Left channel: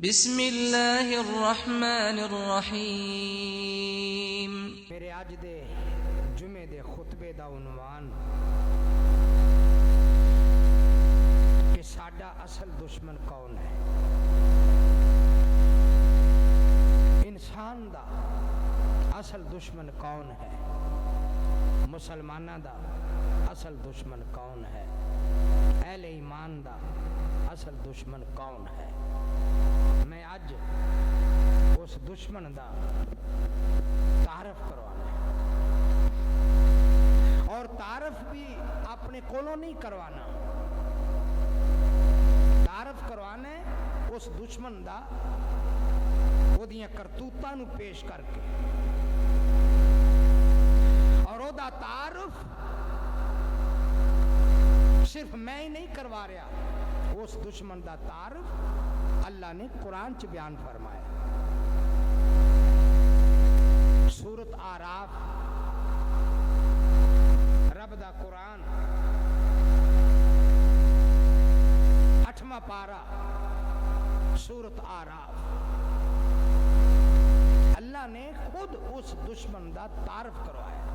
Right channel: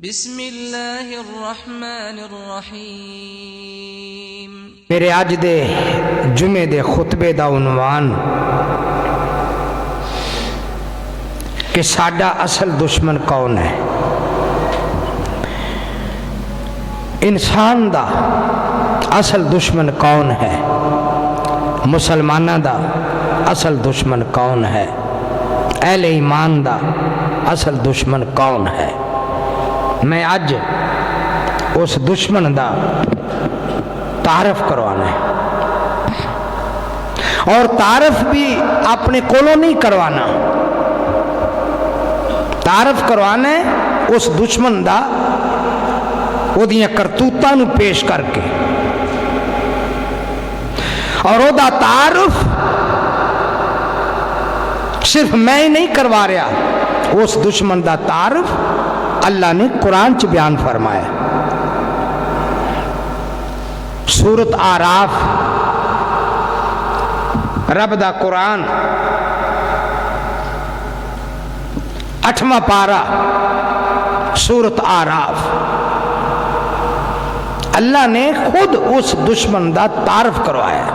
بسم اللہ الرحمن الرحیم۔ میرے اج دے جمعے دے خطبے دا عنوان کہ ساڈا اصل دشمن کون ہے۔ انسان دا اصل دشمن کون ہے، مسلمانہ دا اصل دشمن کون ہے، اہل ایمان دا اصل دشمن کون ہے۔ میں اج اس دشمن دا تعارف کروانا ہے، اور تعارف بھی اپنے کولوں نہیں کروانا، تعارف کروانا ہے اس دشمن دا وہ دیاں کرتوتاں نو پیش کر کے، اور وہ دا تعارف صرف میں ہی نہیں کروا رہا، اس دشمن دا تعارف اللہ نے قرآن چ بیان فرمایا۔ سورت آراف رب دا قرآن 8واں پارہ سورت آراف، اللہ نے خود اس دشمن دا تعارف کروایا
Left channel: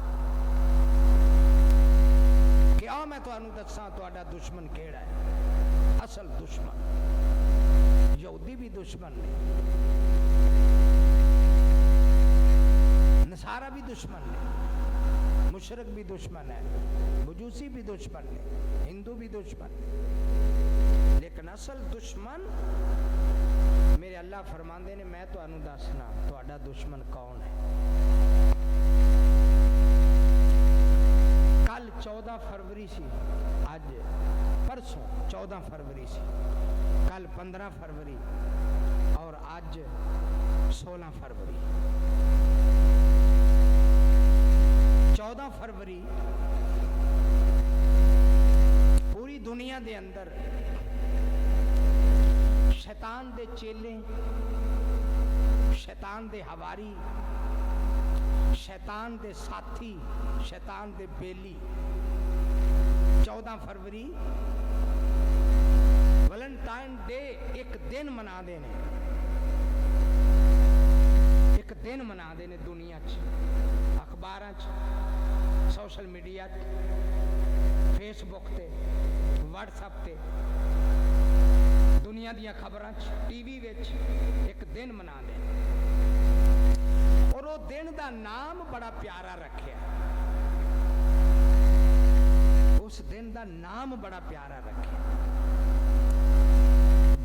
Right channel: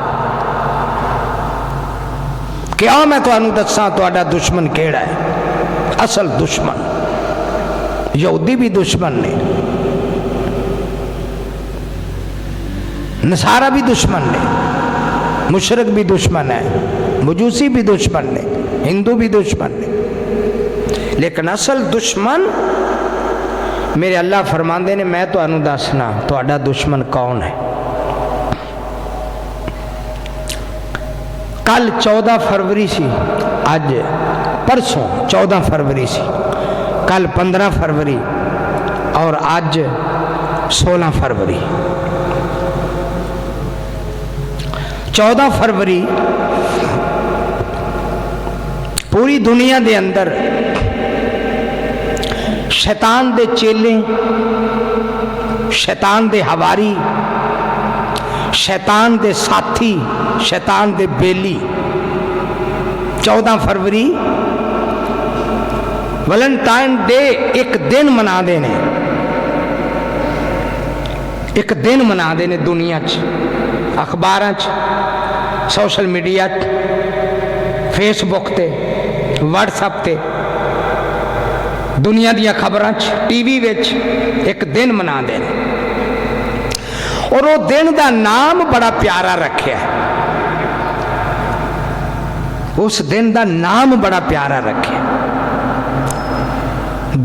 کہ آؤ میں تانوں دساں تہاڈا دشمن کیڑا ہے۔ اصل دشمن یہودی بھی دشمن نے، نصارہ بھی دشمن نے، مشرک بھی دشمن ہے، مجوسی بھی دشمن نے، ہندو بھی دشمن نے، لیکن اصل دشمن میرے اللہ فرماندے نے میں تو انہوں دسنا تہاڈا دشمن کون ہے۔ کل 14 فروری سی، اج پرسوں 14 فروری سی، کل 15 فروری اور آج 16 فروری۔ 14 فروری پوری دنیا دے اندر شیطان دے چیلے، شیطان دے ہواری، شیطان دے ساتھی، شیطان دے بیلی 14 فروری ویلنٹائن ڈے ایک دن منا دینے، ایک دن منا دینے دنیا چ، اخباراں چ، سوشل میڈیا چ، فیس بک تے، واٹس ایپ تے، دنیا دیا خبراں چ، ٹی وی وچ ایک دن منا دینے، اور وہ دن دا نام بڑا پیارا رکھیا ہے، اس دن دا نام بڑا پیارا رکھیا ہے۔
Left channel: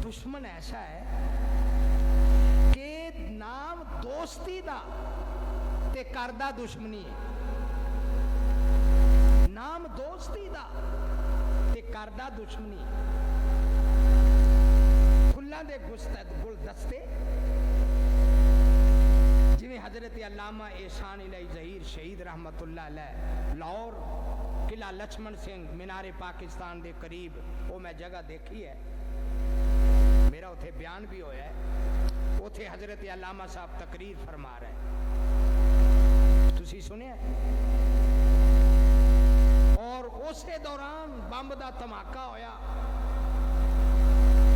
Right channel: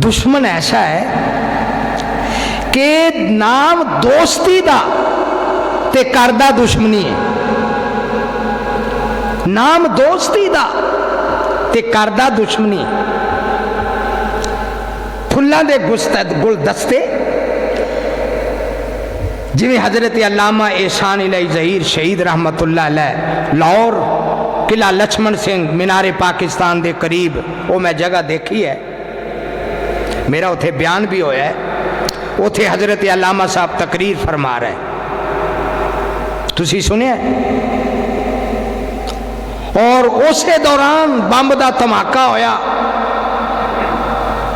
دشمن ایسا ہے کہ نام دوستی دا تے کردہ دشمنی ہے، نام دوستی دا تے کردہ دشمنی، پھلاں دے گل دستے جویں حضرت علامہ احسان الہی ظہیر شہید رحمت اللہ علیہ لاہور قلعہ لچھمن سنگھ مینار پاکستان دے قریب وہ میں جگہ دیکھی ہے، میرا اتھے بیان بھی ہویا ہے، اتھے حضرت علامہ صاحب تقریر فرما رہے ہیں، تسی سنیا ہے، اور اسے دوران بمب دا دھماکہ ہویا،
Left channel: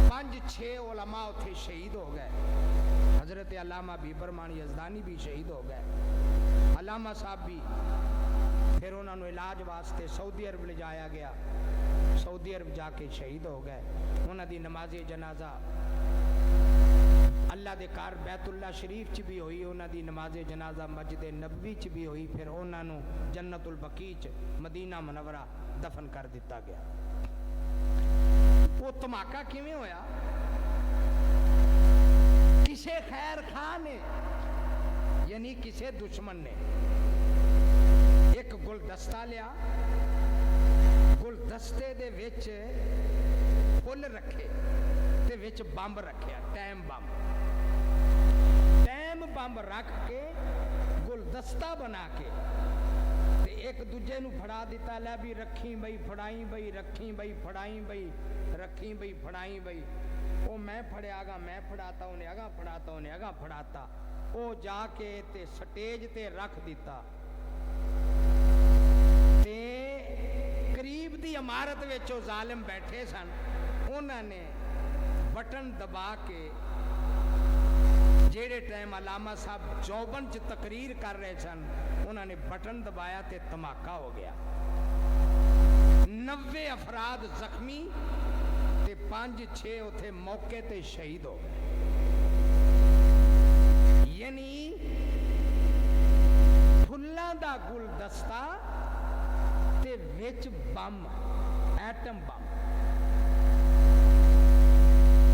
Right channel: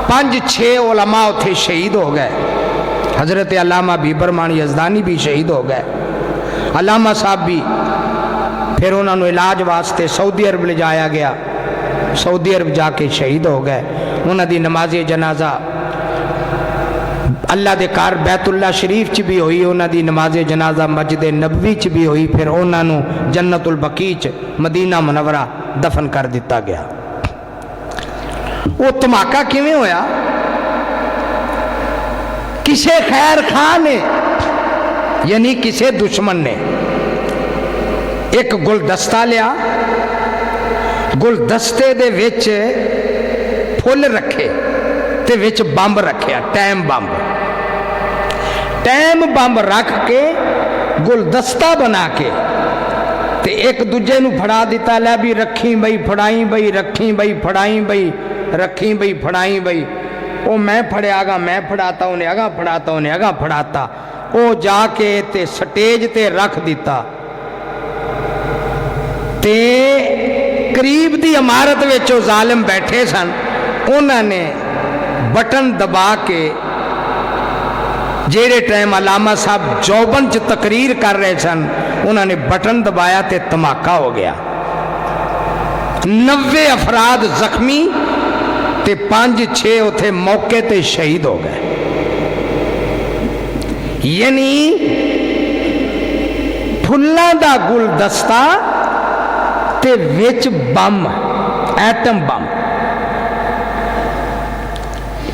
5-6 علماء اتھے شہید ہو گئے، حضرت علامہ بیبرمان یزدانی بھی شہید ہو گئے، علامہ صاحب بھی، پھر انہوں نے علاج واسطے سعودی عرب لے جایا گیا، سعودی عرب جا کے شہید ہو گئے، انہوں دی نماز جنازہ اللہ دے کار بیت اللہ شریف چ بھی ہوئی، انہوں دی نماز جنازہ مسجد نبوی چ بھی ہوئی، پھر انہوں نے جنت البقیع چ مدینہ منورہ دفن کر دیتا گیا۔ وہ دھماکہ کیویں ہویا؟ کسے خیر خواہ نے، یعنی کسے دشمن نے ایک گلدستہ لیا، گلدستے دے وچ پھل رکھے تے وچ بمب رکھیا، ٹائم بمب رکھ کے گلدستہ بنا کے تے ایک دوجے نو پھڑا دیتا، لے بھی رکھیں بھئی پھڑائیں بھئی، رکھیں بھئی پھڑائیں بھئی، رکھیں بھئی پھڑائیں بھئی، وہ میں پھڑے آگا میں پھڑاتا، انہیں آگا پھڑاتا، انہیں آگا پھڑاتا، وہ جا کے تے سٹیج تے رکھ دیتا، تے قریب دی عمارت وچ وہ ظالم بیٹھے سن، انہوں نے بٹن دبا کے ਜਿਹੜੇ ਟਾਈਮ ਅਲਾਮਾ ਸਾਹਿਬ ਜੌਬਨ 'ਚ ਤਕਰੀਰ ਕਰ ਰਹੇ ਸਨ, ਉਹਨਾਂ ਨੇ ਬਟਨ ਦਬਾਇਆ ਤੇ ਧਮਾਕਾ ਹੋ ਗਿਆ। 90 ਅਫਰਾਦ ਜ਼ਖਮੀ ਤੇ 5-6 ਉੱਥੇ ਮੌਕੇ ਤੇ ਸ਼ਹੀਦ ਹੋ ਗਏ। ਯਾਨੀ ਫੁੱਲਾਂ ਦਾ ਗੁਲਦਸਤਾ ਤੇ ਵਿੱਚ ਬੰਮ, ਐਟਮ ਬੰਮ।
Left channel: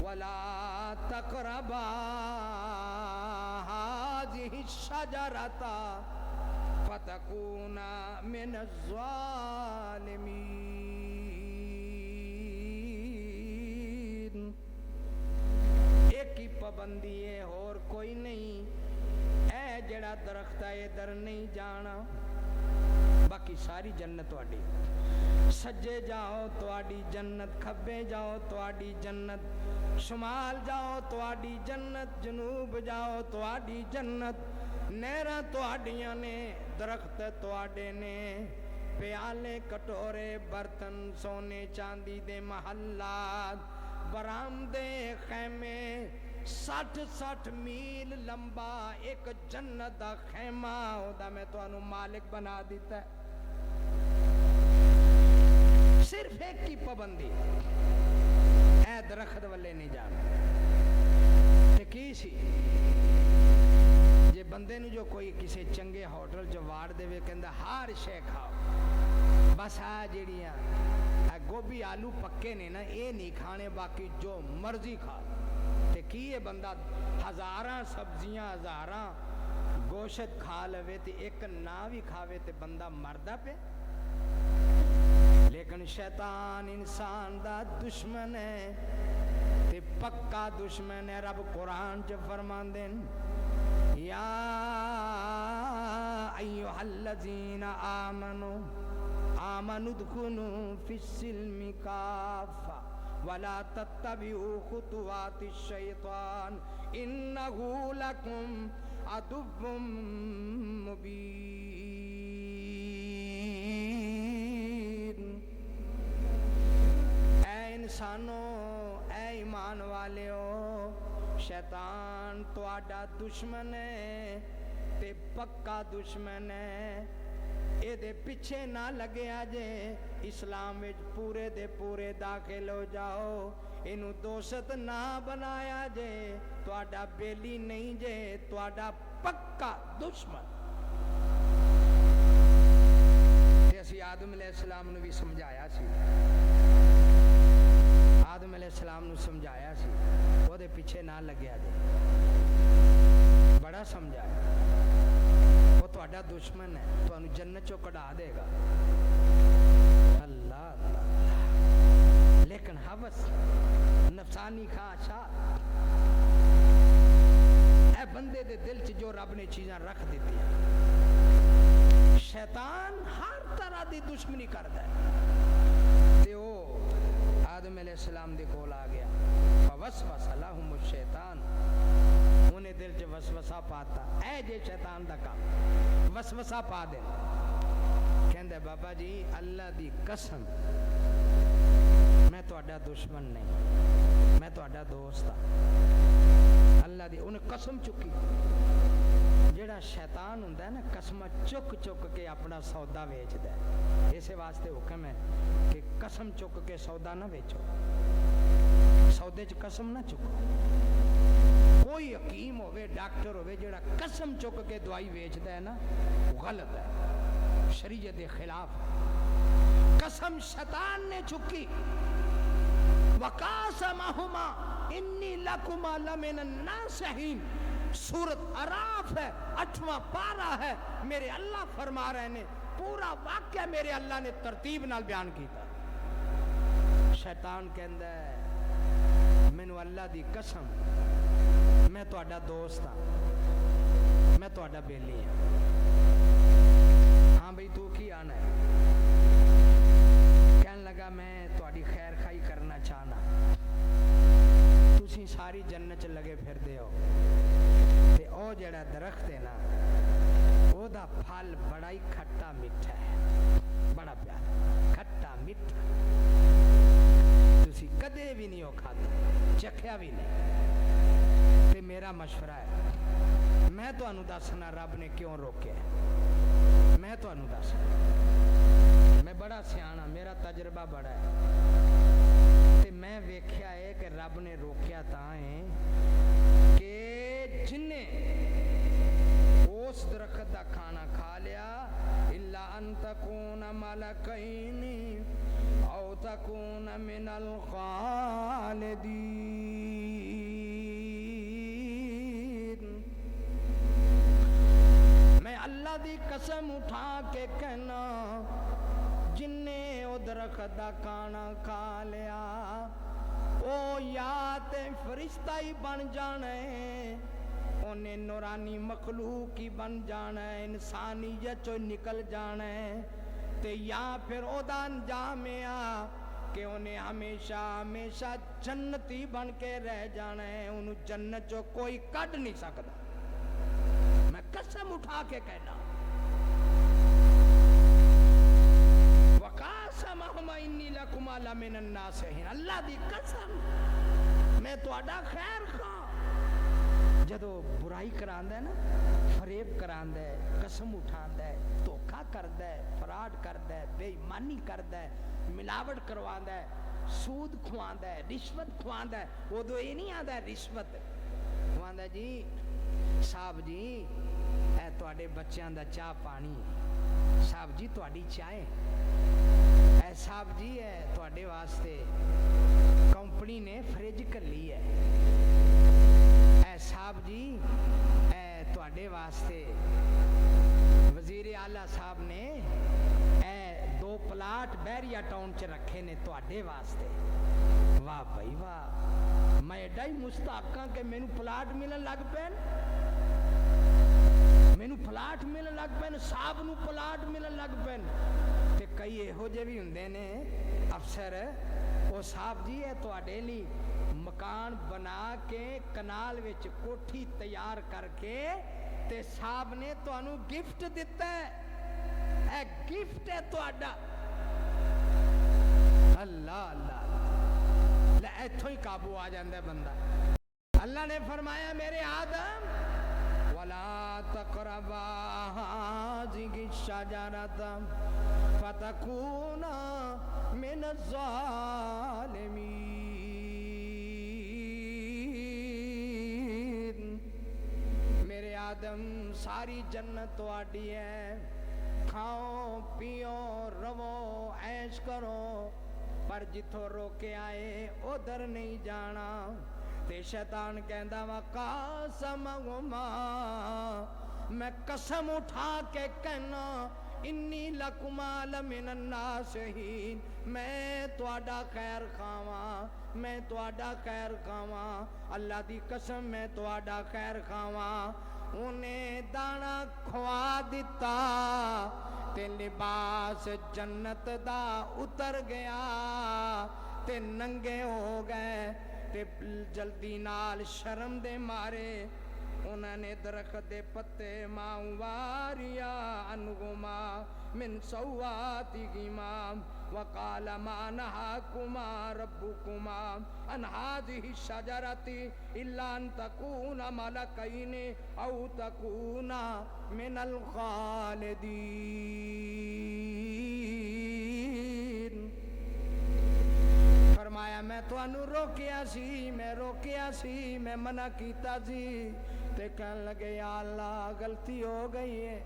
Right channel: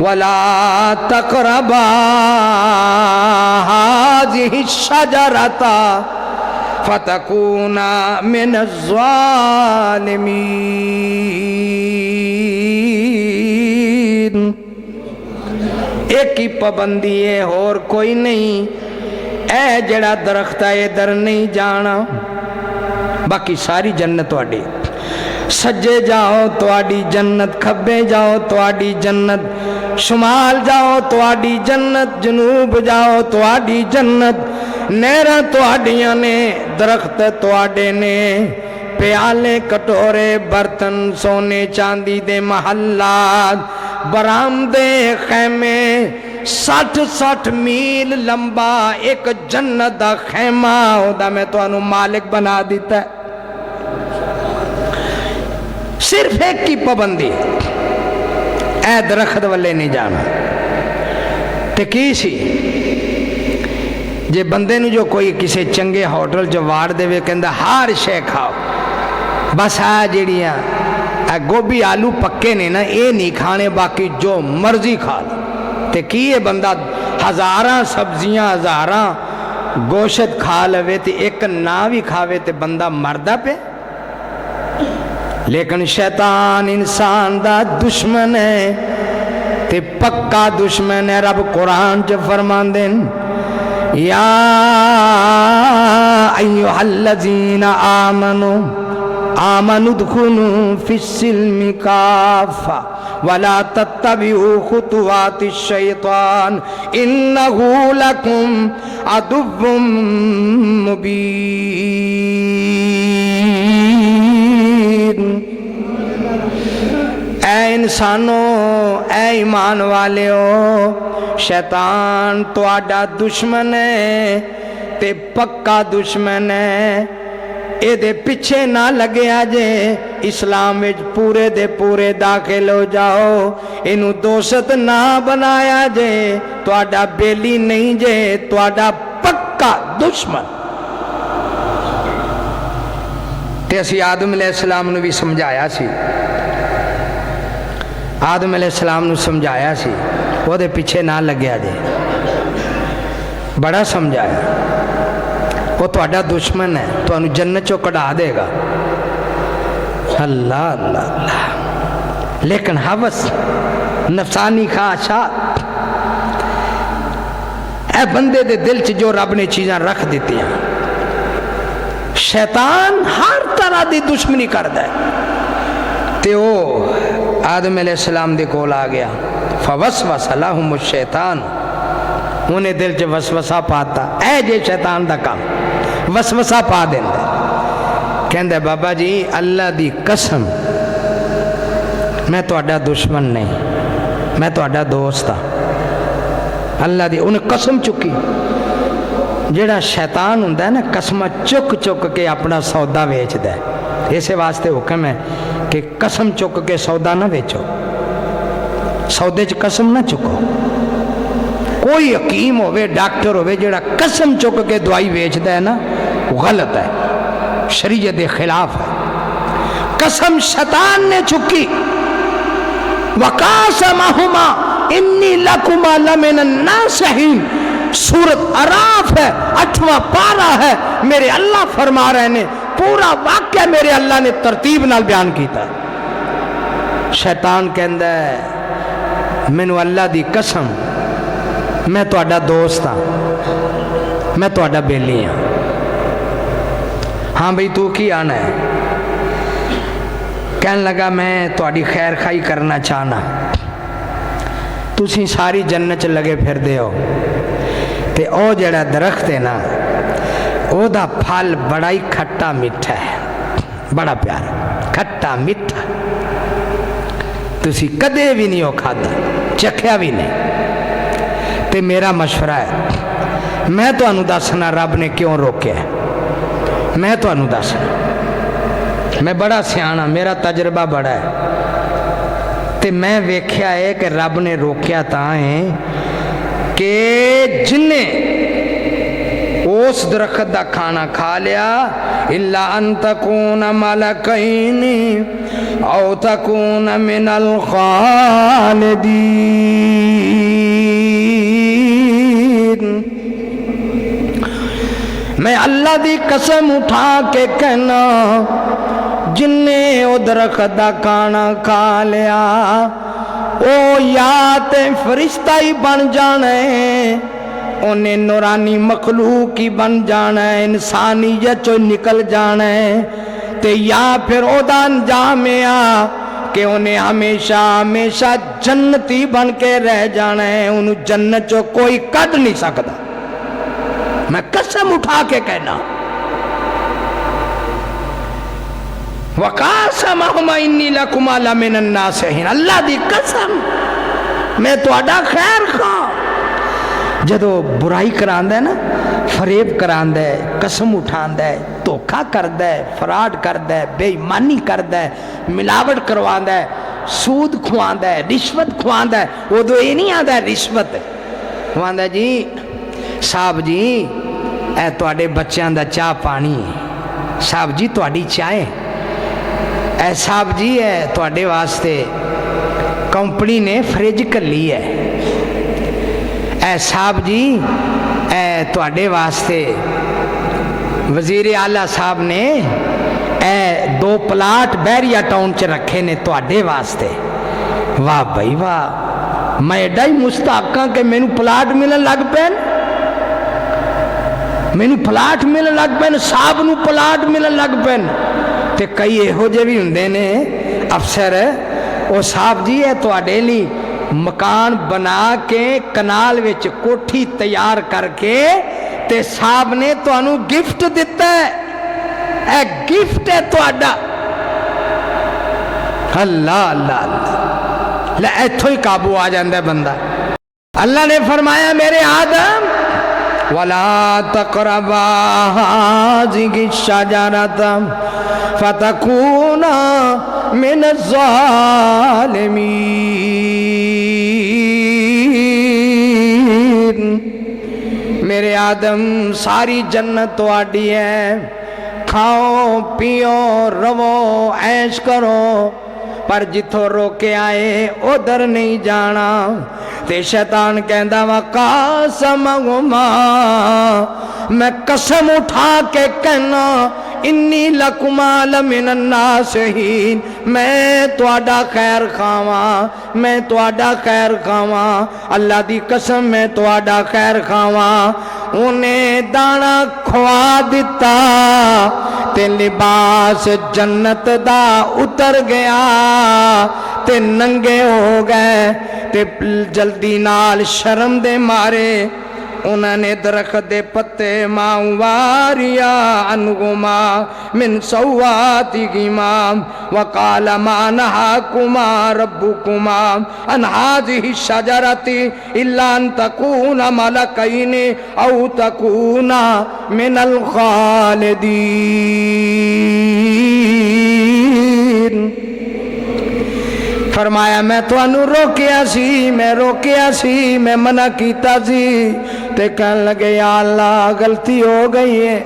ولا تقربا هذه الشجرة فتكونا من الظالمين. ایک ہی پابندی ہے اور کوئی نہیں. اے جڑا درخت ہے ادھر نہیں جانا، باقی ساری جنت تواڈی. سجے جاؤ تواڈی جنت، کھبے جاؤ تواڈی جنت، شمال جاؤ تواڈی جنت، جنوب جاؤ تواڈی جنت. نہراں تواڈیاں نے، درخت تواڈے نے، پیالے کٹورے برتن سونے چاندی دے محلات، برآمدے خیمے، 60 میل لمبا ایک جنت دا خیمہ ہوتا میں تو انہوں مالک بنا دیتا ہے. صرف ایک کی پابندی، اے درخت والے نہیں جانا. تے کی سی جے بندے نو جو کوئی کسی چنگے ہوٹل جو وار دے وے کہندہ ہر شے کھاؤ، بس جڑیاں گوبھی آلو پکے نے نا اے نہیں کھانے، باقی جو مرضی کھا لو. تے کی یہ بندہ ہزاراں سبزیاں ہزاراں گوشت کھا لوے تے ایک نہ بھی کھاوے تے بندہ مردہ پہ. لیکن شیطان انسان دا دشمن ہے تے پکا دشمن ہے. رب قرآن جو فرمان دیں یا ایوہ الذین آمنوا ادخلوا فی السلم کافہ ولا تتبعوا خطوات الشیطان انہ لکم عدو مبین. اے انسانوں، اے ایمان والےو، شیطان تو آڈا دشمن ہے تے پکا دشمن ہے. اے دے پیچھے نہ لگے آجے، اسلام وچ پورے دے پورے داخل ہو جاؤ. انہوں دوست نہ بنایا جے، تو آڈا بیلی نہیں جے، تو آڈا پکا دشمن. تے اسی آدم علیہ السلام نے بھی سمجھایا سی، آدم علیہ السلام نے سمجھایا سی وہ دے پیچھے نہ لگیا جے. بڑا سمجھایا، وہ تو اڈا دشمن ہے، تو انہوں جنت چو کڑا دے گا. اللہ اللہ اللہ. لیکن حوث نفسانی خواہشات اے بندے دے دل چ جو رب نے چیزاں رکھ دیتی ہیں، شیطان ہر طرح دی دشمنی کردا ہے. تے وہ آدم علیہ السلام دے کول آ گیا، فوسوس لہم الشیطان، انہیں دل چ وسوسہ پاتا. اے جے شیطان دا کام وسوسہ پا دیندے. کہندے بابا جی اللہ دی قسم میں تو اڈا دشمن نہیں، میں تو اڈا دوست ہاں. اللہ دی انہیں قسم چکی. جیڑا شیطان ہوندہ ہے نا قسمہ چک چک کے اپنا سودا ویچ دے. اسے واسطے حکم ہے کہ قسم چک کے سودا نہ ویچو، سودے چ قسم نہ چکو. کوئی حکیم ہوئے ڈاکٹر ہوئے جڑا قسم چک کے دوائی ویچ دے نا غلط ہے، شریعت دے خلاف ہے. قسم شیطان نے چکی. وَقَاسَمَهُمَا إِنِّي لَكُمَا لَمِنَ النَّاصِحِينَ، سورت اعراف ہے، 8واں پارہ ہے. میرے اللہ فرما رہے ہیں، پورا واقعہ میرے اللہ نے ترتیب نال بیان کیتا. شیطان کہندہ ہے مینوں اللہ دی قسم میں تو اڈا دوست ہاں، میں تو اڈا بیلی ہاں. ہاں بھئی تو کی آنا ہے؟ کہنے لگا میں تو اڈی خیر خائی کرنا چاہنا. تُسی ساری جنت چ لگے پھر دے ہو تے او جڑا درخت ہے نا او دا پھل بڑا ہی کھٹا میٹھا ہے، بڑا پیارا کھٹا میٹھا. تُسی کدے بھی نہیں ہو کھاتا، چکھیا بھی نہیں. تے میرا مشورہ ہے، میں تو انہوں دسنا رب نے کیوں روکے ہے. میں تو انہوں دسنا، میں بڑا سیانا، میرا تجربہ بڑا ہے. تے میں ویکھیا ہے کہ رب نے روکیا تاں ہے کہ جنہیں اس درخت دا کھانا کھا لیا الا ان تکون ملکین او تکون من الخالدین. اللہ دی قسم اٹھا کے کہنا جن نے او درخت دا کھانا کھا لیا او یا تے فرشتہ ہی بن جانا ہے، انہیں نورانی مخلوق ہی بن جانا ہے، انسانیت چو نکل جانا ہے، تے یا پھر او دا انجام ہے کہ انہیں ہمیشہ ہمیشہ جنتی بن کے رہ جانا ہے، انہوں جنت چو کوئی کڈ نہیں سکتا۔ میں قسم اٹھا کے کہنا وَقَاسَمَهُمَا إِنِّي لَكُمَا لَمِنَ النَّاصِحِينَ، اللہ دی قسم میں تہاڈا خیر خواہ۔ جدو برائی کراندہ ہے نا، فریب کراندہ ہے، قسم اٹھاندہ ہے، دھوکا کردہ ہے، فراڈ کردہ ہے، بے ایمانی کردہ ہے، ملاوٹ کرواندہ ہے، سود کھواندہ ہے، رشوت کھواندہ ہے، وہ دو یہ نہیں آندہ ہے رشوت کھواندہ ہے۔ جی صاحب جی اے تواڈے بچیاں دا چاہ پانی، صاحب جی تواڈی چائے، اے صاحب جی اے تواڈے واسطے کمپنی نے فریج کر لی ہے، اے صاحب جی اے تواڈے واسطے وزیر اعلیٰ صاحب نے اے 2 پلاٹ بحریہ ٹاؤن چ رکھے نے تواڈے واسطے۔ واہ بھائی واہ، میں ایڈا ہی مستحقاں کہ مینوں پلاٹ ملن لگ پین، مینوں پلاٹ ملن لگ پین، صاحب نوں پلاٹ ملن لگ پین۔ تے کئی ایہو جے بھی ہوندے نے افسر، او صاحب جی ہے تواڈے لی مکان بنا کے کنال وچ کوٹھی تیار کر کے تے صاحب نے تانوں گفٹ دیتا ہے، اے گفٹ ہے تواڈا۔ اللہ اللہ اللہ، لے ایتھوں ہی قابو آ جاندہ ہے بندہ۔ اللہ نے فرمایا میرے آدم وَلَا تَقْرَبَا هَٰذِهِ الشَّجَرَةَ فَتَكُونَا مِنَ الظَّالِمِينَ، میرے آدم ساری جنت تواڈی ہے، کھاؤ پیو رو عیش کرو، پر جتھوں روکے آئے ادھر نہیں جانا۔ تے شیطان کہندا وَقَاسَمَهُمَا، میں قسم اٹھا کے کہنا انی لکما لمن الناصحین، میں تواڈا خیر خواہاں، میں تواڈا خیر خواہاں، اللہ دی قسم میں تواڈا خیر خواہاں۔ انہیں دانا کھوا دیتا تے لباس جنت دا اتر گیا تے ننگے ہو گئے تے جلدی نال شرم دے مارے انہوں نے درخت دے پتے ماں واریا انہما من سواتہما وقال ما نہاکما ربکما ان هذه الشجرة الا ان تکون ملکین او تکون من الخالدین۔ فرمایا میں تو انہوں روکیا سی، میں روکیا سی، میں منع کیتا سی، تے کہنے لگے یا اللہ غلطی ہو گئی ہے،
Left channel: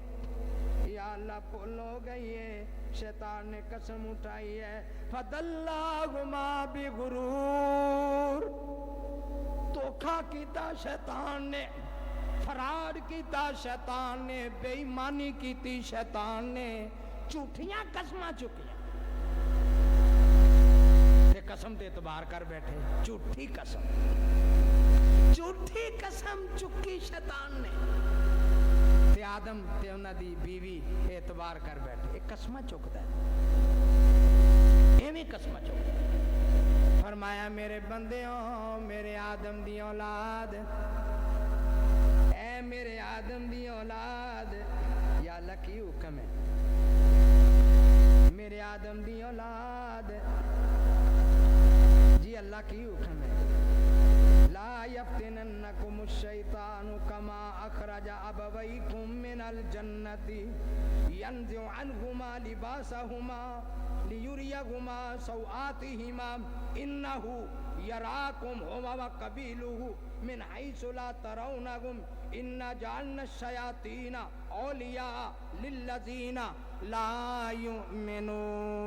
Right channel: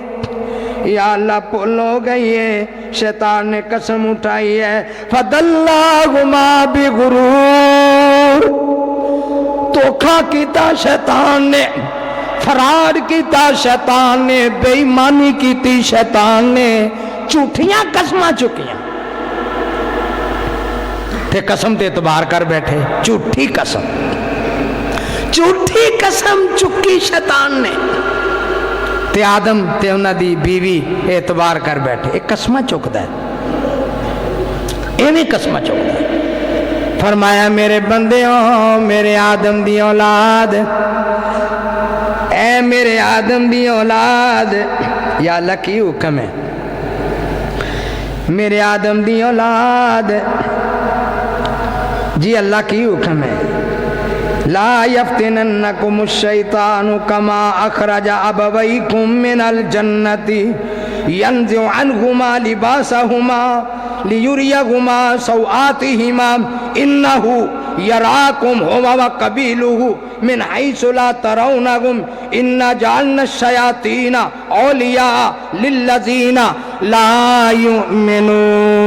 یا اللہ پھول ہو گئی ہے۔ شیطان نے قسم اٹھائی ہے فَدَلَّاهُمَا بِغُرُورٍ، دھوکا کیتا شیطان نے، فراڈ کیتا شیطان نے، بے ایمانی کیتی شیطان نے، جھوٹیاں قسماں چکیاں تے قسم تے اعتبار کر بیٹھے، جھوٹی قسم، جھوٹی قسم چکی شیطان نے تے آدم تے انہاں دی بیوی اعتبار کر بیٹھے۔ ایک قسمہ چکتا ہے، ایویں قسمہ چکتا ہے۔ فرمایا میرے بندیوں، میرے آدم دی اولاد، اے میرے آدم دی اولاد، یا اللہ کی حکم ہے، میرے آدم دی اولاد، جی اللہ کی حکم ہے، لا یفتننکم الشیطان کما اخرج ابویکم من الجنت ینزع عنہما لباسہما لیریہما سوآتہما انہ یراکم ہوا وقبیلہ من حیث لا ترونہم انا جعلنا الشیاطین اولیاء للذین لا یؤمنون۔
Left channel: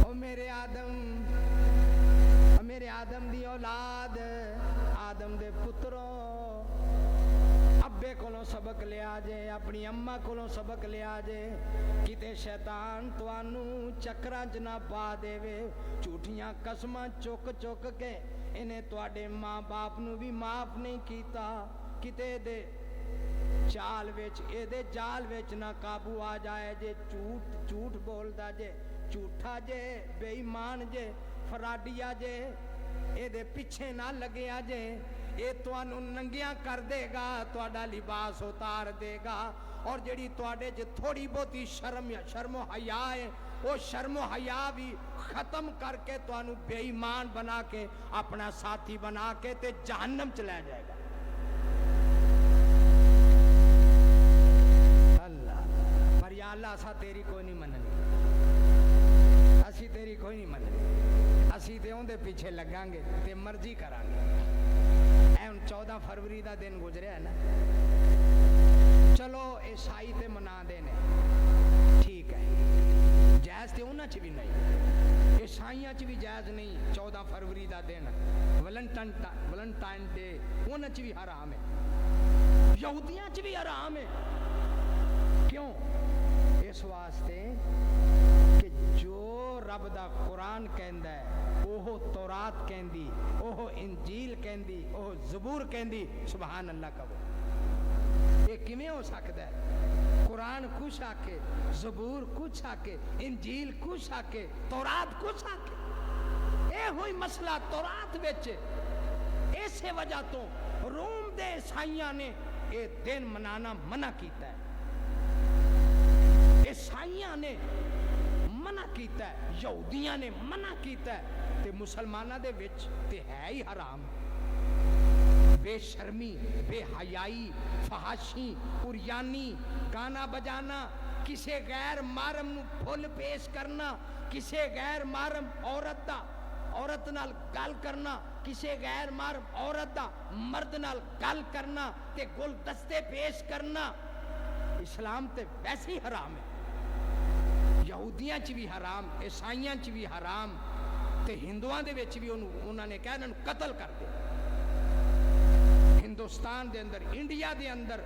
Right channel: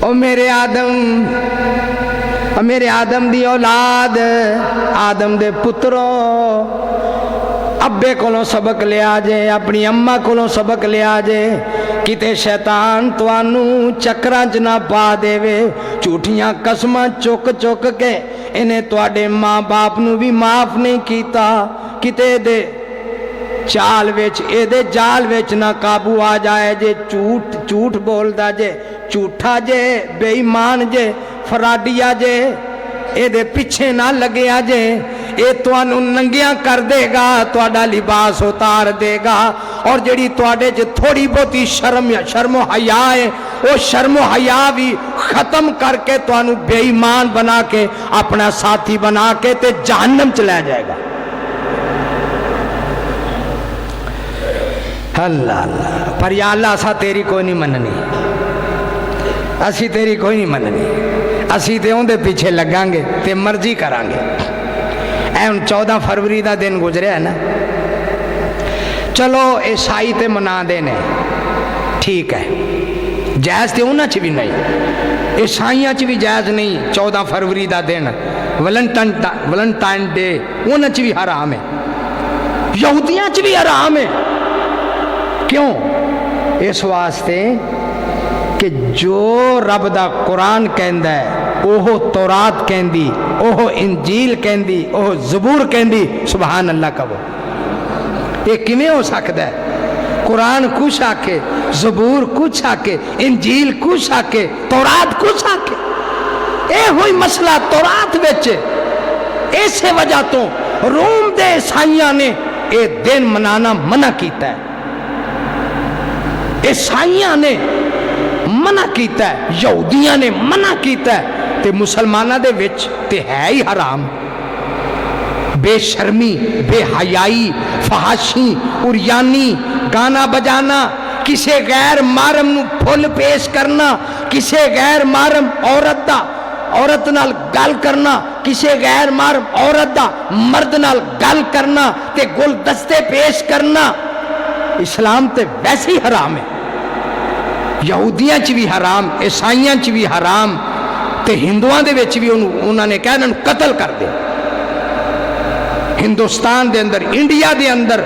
او میرے آدم میرے آدم دی اولاد، آدم دے پترو، ابے کولوں سبق لیا جے، اپنی اماں کولوں سبق لیا جے، کتے شیطان توانوں چکراں چ نہ پا دے وے، جھوٹیاں قسماں چک چک کے انہیں تواڈے ماں باپ نو بھی معاف نہیں کیتا، کتے دے چال وچ اے دے جال وچ نہ قابو آ جائے جے، جھوٹ بولدا جے، جھوٹا جے، بے ایمان جے، فراڈیا جے، اے دے پیچھے نہ لگیا جے، اے توانوں ننگیاں کر دے گا، تواڈا لباس اتار دے گا، اور جڑی تواڈے چ تھوڑی بہتی شرم و حیا ہے، وہ شرم و حیا بھی ختم کر کے توانوں بے ایمان بنا کے اپنا ساتھی بنا کے تے جہنم چ لے جائے گا۔ اللہ اللہ، پر یا اللہ اسا تیری کوئی نہیں مننی، اسی تیری کوئی نہیں مننی، اسی تے اون دے پیچھے لگاں گے تے مرضی کران گے۔ اے 14 فروری دا دن گزریا ہے نا، چلو عیسائی تے منا دینے ٹھیک ہے، جائز تے انہاں چ بھی نہیں، عیسائیاں چ بھی جائز نہیں 14 فروری دا دن، ویلنٹائن ڈے انہاں چ بھی حرام ہے، یہودیاں چ بھی حرام ہے۔ کیوں؟ اس واسطے کہ جو رب دا قرآن کہندا ہے اوہ تورات کہندی، اوہ انجیل کہندی، اوہ زبور کہندی، سبحان اللہ کہو، یہ کیویں ہو سکتا ہے؟ قرآن کچھ آکے، زبور کچھ آکے، انجیل کچھ آکے، تورات کچھ آکے، اے ہوئی مسئلہ تورات وچ، ایسے وجہ تو روم دے عیسائیاں نے اے دن منانا منع کیتا ہے، عیسائیاں نے منع کیتا ہے، یہودیاں نے منع کیتا ہے، تے مسلمانہ دے وچ تے ہے ہی حرام۔ بے شرمی، بے حیائی، فحاشی، اریانی، گانا بجانا، کسے غیر محرم نو پھل پیش کرنا، کسے غیر محرم عورت نال گل کرنا، کسے غیر محرم عورت دا مرد نال گل کرنا تے گل دستے پیش کرنا، اسلام تے ویسے ہی حرام ہے، یہودیاں چ بھی حرام، عیسائیاں چ بھی حرام، تے ہندوؤں دے وچ بھی انہوں نے کہا انہوں قتل کر دے۔ ہندوستان دے اندر، انڈیا دے اندر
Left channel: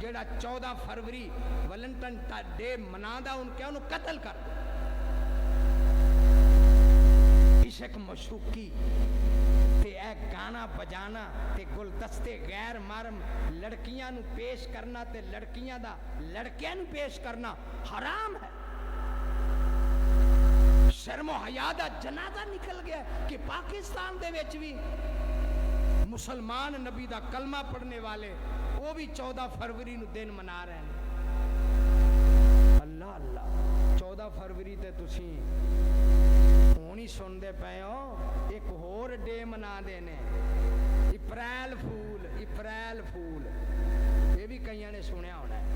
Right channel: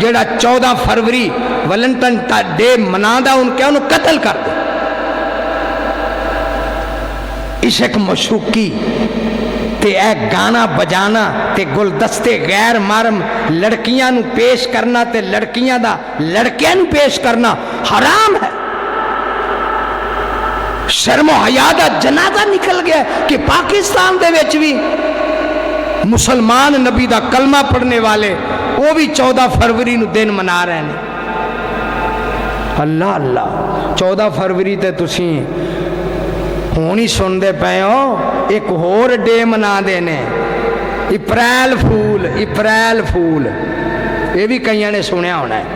جڑا 14 فروری ویلنٹائن ڈے منادا ان کیا انہوں قتل کر دے۔ عشق مشوقی تے اے گانا بجانا تے گلدستے غیر محرم لڑکیاں نو پیش کرنا تے لڑکیاں دا لڑکیاں نو پیش کرنا حرام ہے۔ شرم و حیا دا جنازہ نکل گیا کہ پاکستان دے وچ بھی مسلمان نبی دا کلمہ پڑھنے والے وہ بھی 14 فروری نو دن منا رہے ہیں۔ اللہ اللہ، 14 فروری تے تسی ہونی سن دے پے ہو، ایک اور ڈے منا دینے، اپریل فول، یہ بھی کئیاں نے سنیا ہونا ہے،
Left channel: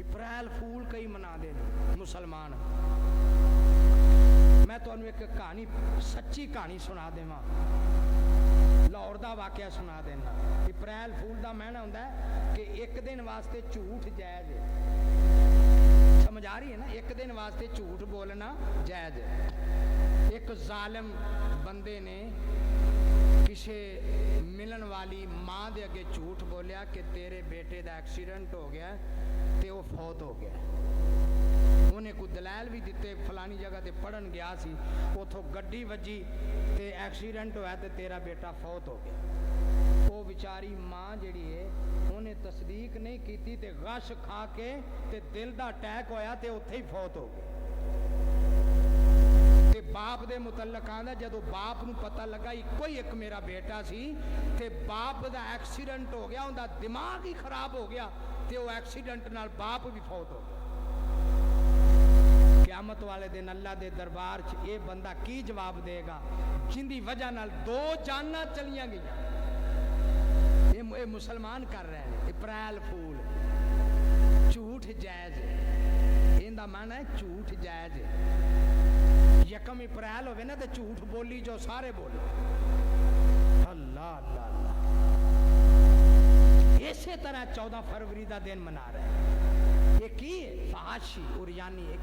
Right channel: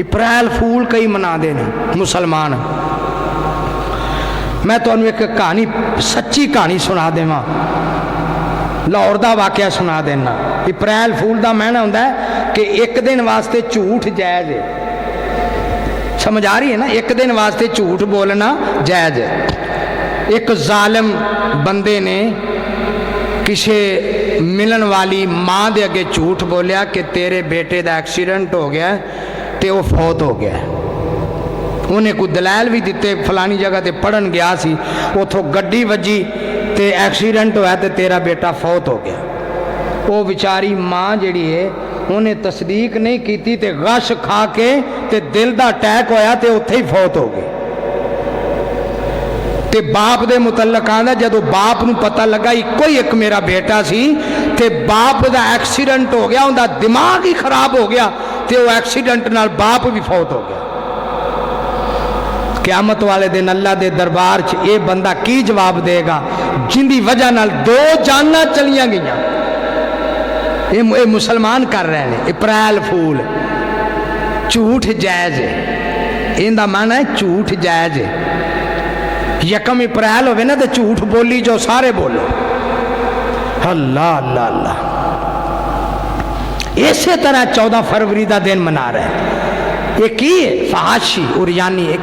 اپریل فول کئی منا دینے مسلمان۔ میں تو انہوں ایک کہانی، سچی کہانی سنا دے ماں، لاہور دا واقعہ سنا دینا۔ اپریل فول دا معنی ہوندہ ہے کہ ایک دن واسطے جھوٹ جائز ہے، سمجھ آ رہی ہے نا، ایک دن واسطے جھوٹ بولنا جائز ہے۔ ایک ظالم بندے نے کسی ملن والی ماں دے اگے جھوٹ بولیا کہ تیرے بیٹے دا ایکسیڈنٹ ہو گیا تے وہ فوت ہو گیا، انہیں کوئی دلائل بھی دیتے، فلانی جگہ تے پڑھن گیا سی، اتھوں گڈی وجی تے ایکسیڈنٹ ہوا تے تیرا بیٹا فوت ہو گیا۔ وہ بیچاری ماں جڑی ہے انہیں تصدیق نہیں کیتی تے غش کھا کے تے دل دا اٹیک ہویا تے اتھے ہی فوت ہو گئے۔ تے باپ دے متعلق آندا جدو باپ نو پتہ لگا کوئی ایک میرا بیٹا سی تے باپ دا ایکسیڈنٹ ہو گیا، ان دا دماغ ہی خراب ہو گیا تے وہ ایکسیڈنٹ نال باپ بھی فوت ہو گیا۔ قیامت والے دن اللہ دے دربار چ اے بندہ کی جواب دے گا جن دی وجہ نال 2 جاناں چلیاں گئیاں؟ اے مسلمان کر رہے ہیں اپریل فول، جھوٹ جائز ہے، ان دا معنی ہے جھوٹ جائز ہے۔ یکم اپریل ہوئے نا تو جھوٹ بولی جو سارے بولو، اللہ اللہ اللہ۔ اسی طرح 14 فروری دا دن منا رہے ہیں، یہ کی ہے فحاشی اریانی،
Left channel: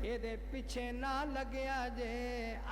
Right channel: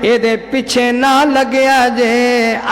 ਇਹਦੇ ਪਿੱਛੇ ਨਾ ਲੱਗਿਆ ਜੇ,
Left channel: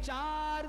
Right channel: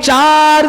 4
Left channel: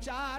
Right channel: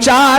4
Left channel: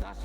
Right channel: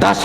10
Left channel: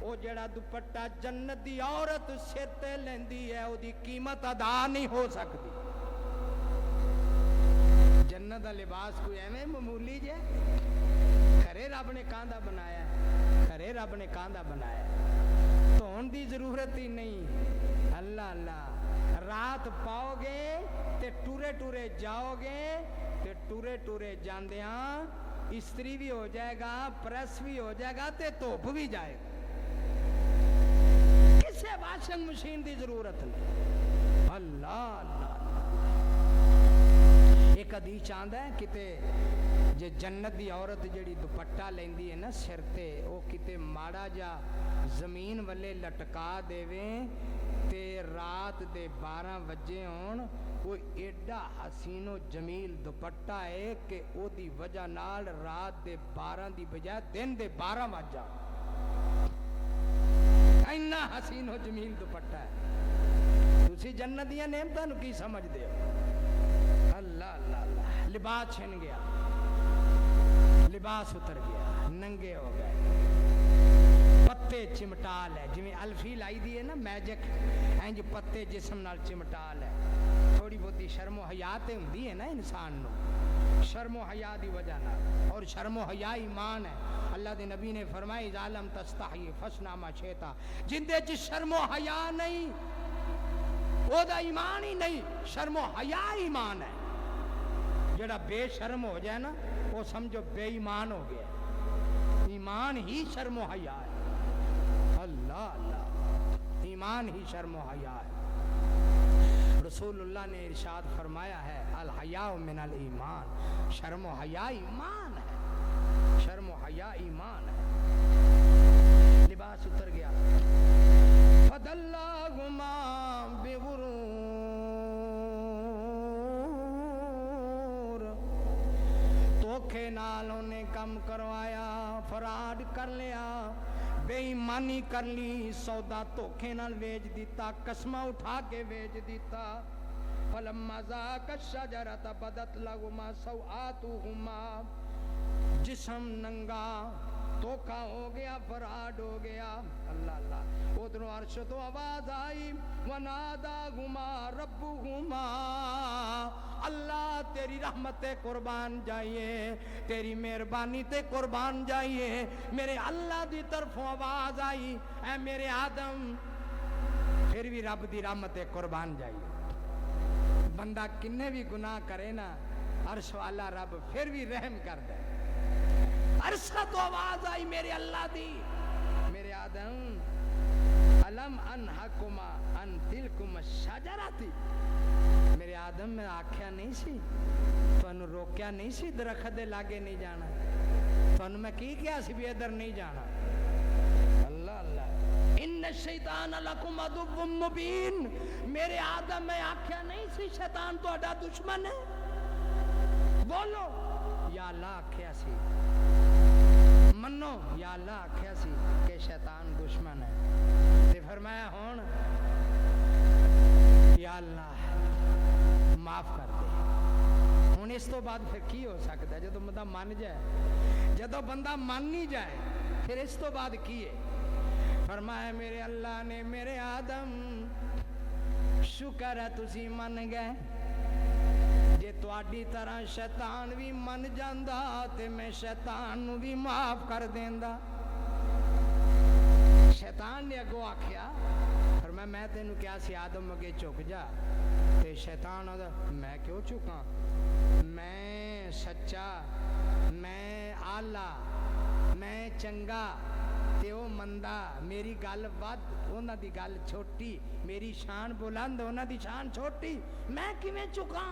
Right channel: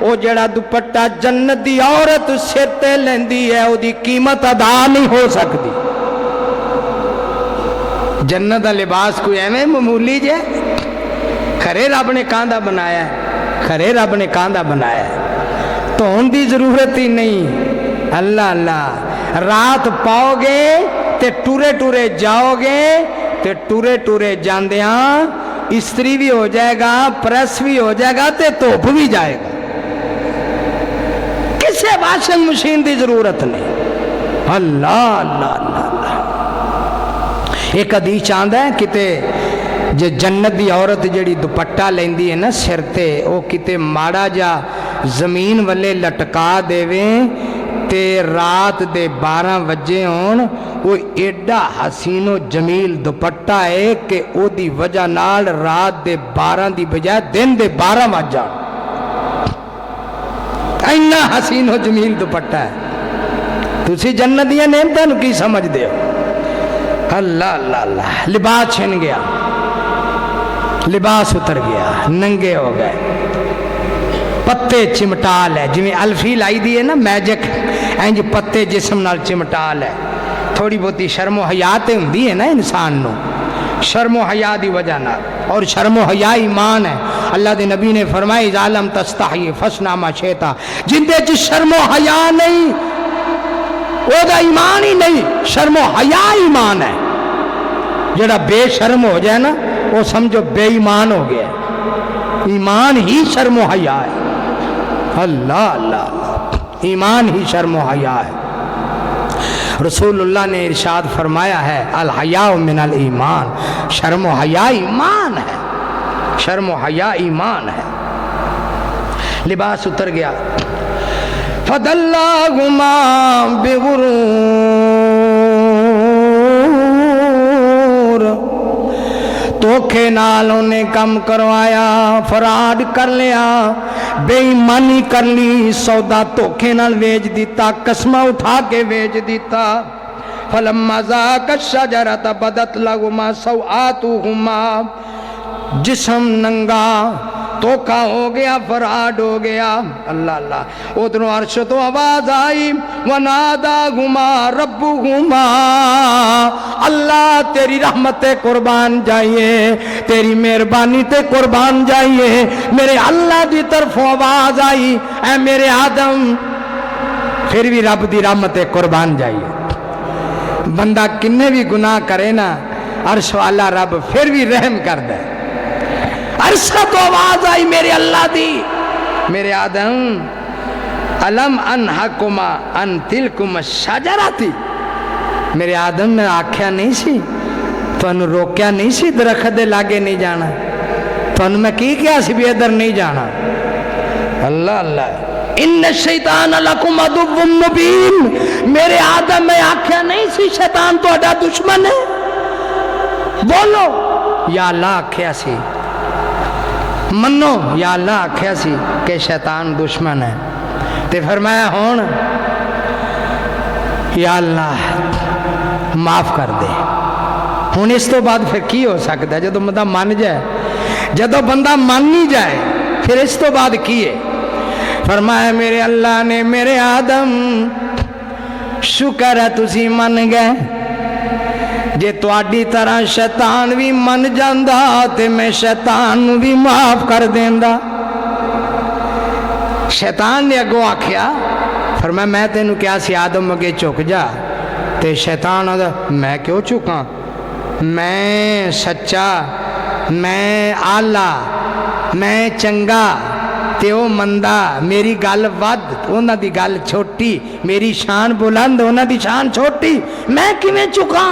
وہ جڑا دوپٹا جنت دی عورت سر تے لیندی ہے وہ دی قیمت ادا نہیں ہو سکتی. جنت دا لباس کوئی ایویں معمولی جے؟ کھرے رب نے کاندھا بنایا ہے، کھرے رب نے کاندھا بنایا ہے، دھون دی ضرورت ہی نہیں. اللہ اللہ، رات پاؤ گے تے ٹورے ٹورے جاؤ گے تے ٹورے ٹورے جاندیاں استری بھی ہو جائے گا، پریس بھی ہو جائے گا تے دھوپ بھی جائے گا. کسے واشنگ مشین دی ضرورت نہیں. اللہ اللہ اللہ اللہ. ایک حدیث چاہتا ہے کتے جے جنت دی عورت جڑی دوپٹہ لیندی ہے نا سر تے، او کتے ماڑا جا زمین والے لٹکا دیویں تے رات دے 12 بجے ہون، وہ ایڈا حسین و جمیل دوپٹہ ہے کہ او دی وجہ نال رات دے 12 دی بجائے دن دے 12 بج جان. اینا حسین و جمیل دوپٹہ ہے. تسی جنت دیا نعمتاں نو کی سمجھ دے ہو؟ اللہ اللہ اللہ. لباس چھن گیا، لباس اتر گیا، ننگے ہو گئے، پتے چمٹال ہے. جویں الفی لائی دی ہے نا میجک، اینج پتے جسم نال چمٹال ہے. تھوڑی بہتی شرم و حیا تے ہوندی ہے نا انسان نو، شرم و حیا دی وجہ نال. اور شرم و حیا ایمان ہے. اللہ دے نبی نے فرمایا اذا لم تستحی فاصنع ما شئت. جندے چ شرم و حیا نہیں او دا ایمان ہی نہیں. شرم و حیا ایمان ہے. جڑا بے شرم ہو جائے نا وہ سمجھو بے ایمان ہو گیا. ایمان ہی شرم و حیا ہے. اللہ اللہ اللہ. ایمان ہی شرم و حیا ہے. رسول اللہ نے ارشاد فرمایا ہے الحیاء من الایمان. شرم و حیا ایمان ہے، شرم و حیا ایمان ہے. لباس اتر گیا. فَدَلَّاهُمَا بِغُرُورٍ. دھوکے نال انہیں کم کروایا، فراڈ کر لیا، بے ایمانی کر لی، سودا دھوکے نال ویچ دیتا، قسمہ اٹھا کے ویچ دیتا. فَلَمَّا ذَاقَا الشَّجَرَةَ بَدَتْ لَهُمَا سَوْآتُهُمَا. جسم ننگا، دھوکا ہو گیا، فراڈ ہو گیا. اللہ اللہ. ادھروں عرش تو آواز آئی وَنَادَاهُمَا رَبُّهُمَا. اللہ تیری رحمت تے قربان جائیے، تیری مہربانی تے قربان جائیے. میرے اللہ دی طرف آواز آئی اے میرے آدم. پھر بھی رب دی رحمت تے قربان جائیے. بندہ کنے بھی گناہ کرے نا عرش والا رب پھر بھی رحم کر دے. عرشہ تو آواز آئی میرے اللہ دی، میرے آدم الم انہکما ان تلکم الشجرۃ. میرے آدم میں آکھیا نہیں سی، تو انہوں روکیا نہیں سی درخت دے لاگے نہیں جانا، تو انہوں میں کی کیا سی بھی ادھر نہیں جانا. اللہ اللہ. ان الشیطان لکم عدو مبین. میرے آدم میں آکھیا نہیں سی شیطان تو اڈا دشمن ہے. بولو یا اللہ آکھیا سی، منو یا اللہ آکھیا سی کہ شیطان دشمن ہے. تے فرمایا ہون یا اللہ معاف کر دے. ہون اس تو بعد پھر کی ہو سکتا ہے؟ جدو بندہ مان جائے، جدو بندہ مان نہیں جائے پھر اس تو بعد کی ہے؟ فرمایا میرے اللہ نے میرے آدم شکر ہے تسی من گئے. جے تواڈی طرح شیطان بھی من جاندا تے میں شیطان نو بھی معاف کر دیندا. شیطان نے اگوں آکھیا، فرمایا میں تینوں کیا سی آدم اگے چک جا. تے شیطان آدھا میں کیوں چکاں؟ میں سچا، میں آلہ، میں چنگا تے او مندہ. میری گل ود، انہاں دی گل چھوٹی. میری شان بلند، انہاں دی شان چھوٹی. میں کیویں چکاں؟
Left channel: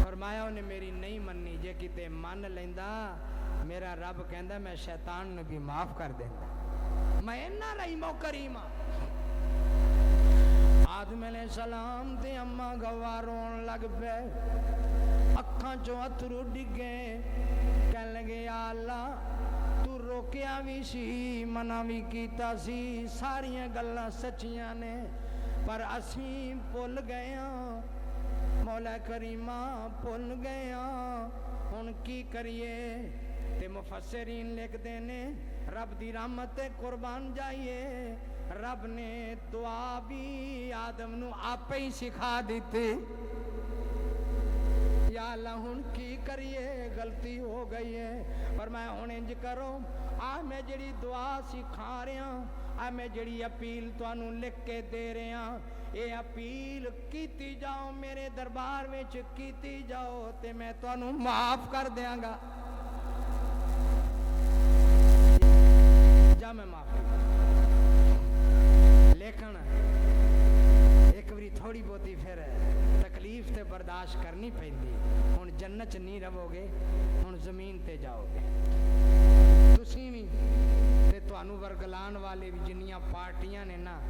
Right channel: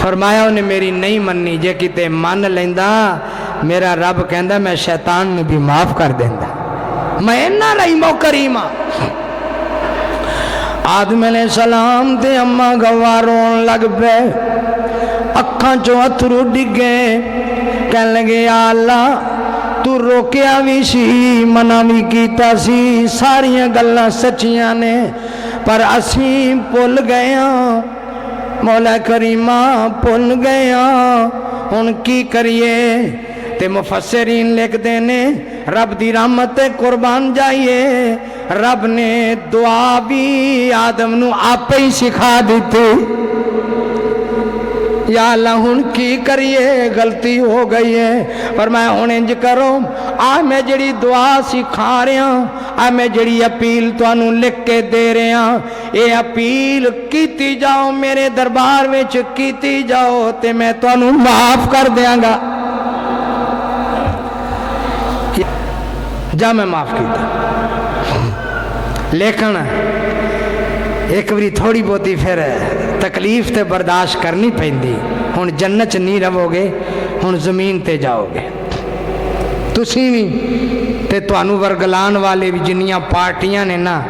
فرمایا انہیں میری نہیں مننی. جے کتے من لیندا میرا رب کہندا میں شیطان نے بھی معاف کر دیندا. میں انہاں رحیم و کریم. آدم علیہ السلام تے اماں گواہ رون لگ پے، اکھاں چوں اتھرو ڈگے. کہن لگے یا اللہ تو روکیا بھی سی، منع بھی کیتا سی، ساریاں گلاں سچیاں نے، پر اسیں بھول گئے ہاں. مولا کریمہ بھول گئے ہاں، ہن کی کریے؟ تے مفسرین لکھ دینے رب دی رحمت قربان جائیے رب نے دعا بھی آدم نو آپ ہی سکھا دیتی یا اللہ ہن کی کریے غلطی ہو گئی ہے پر میں ہن انج کرو میں جڑی دعا سکھا رہا میں جڑی اپیل تو انہوں لکھ کے دے رہا اے اپیل کیتی جاؤ میرے دربار میں کیتی جاؤ تے میں تو انہوں معاف کر دیاں گا جا میں معاف کیتا لیکن ایک بری تھوڑی بہتی پھر تکلیف تے برداشت کرنی پیندی ہن جنت نہیں رہو گے ہن زمین تے جاؤ گے تسی بھی تے توانو ورگلان والے بھی جنیاں پارٹیاں نے نا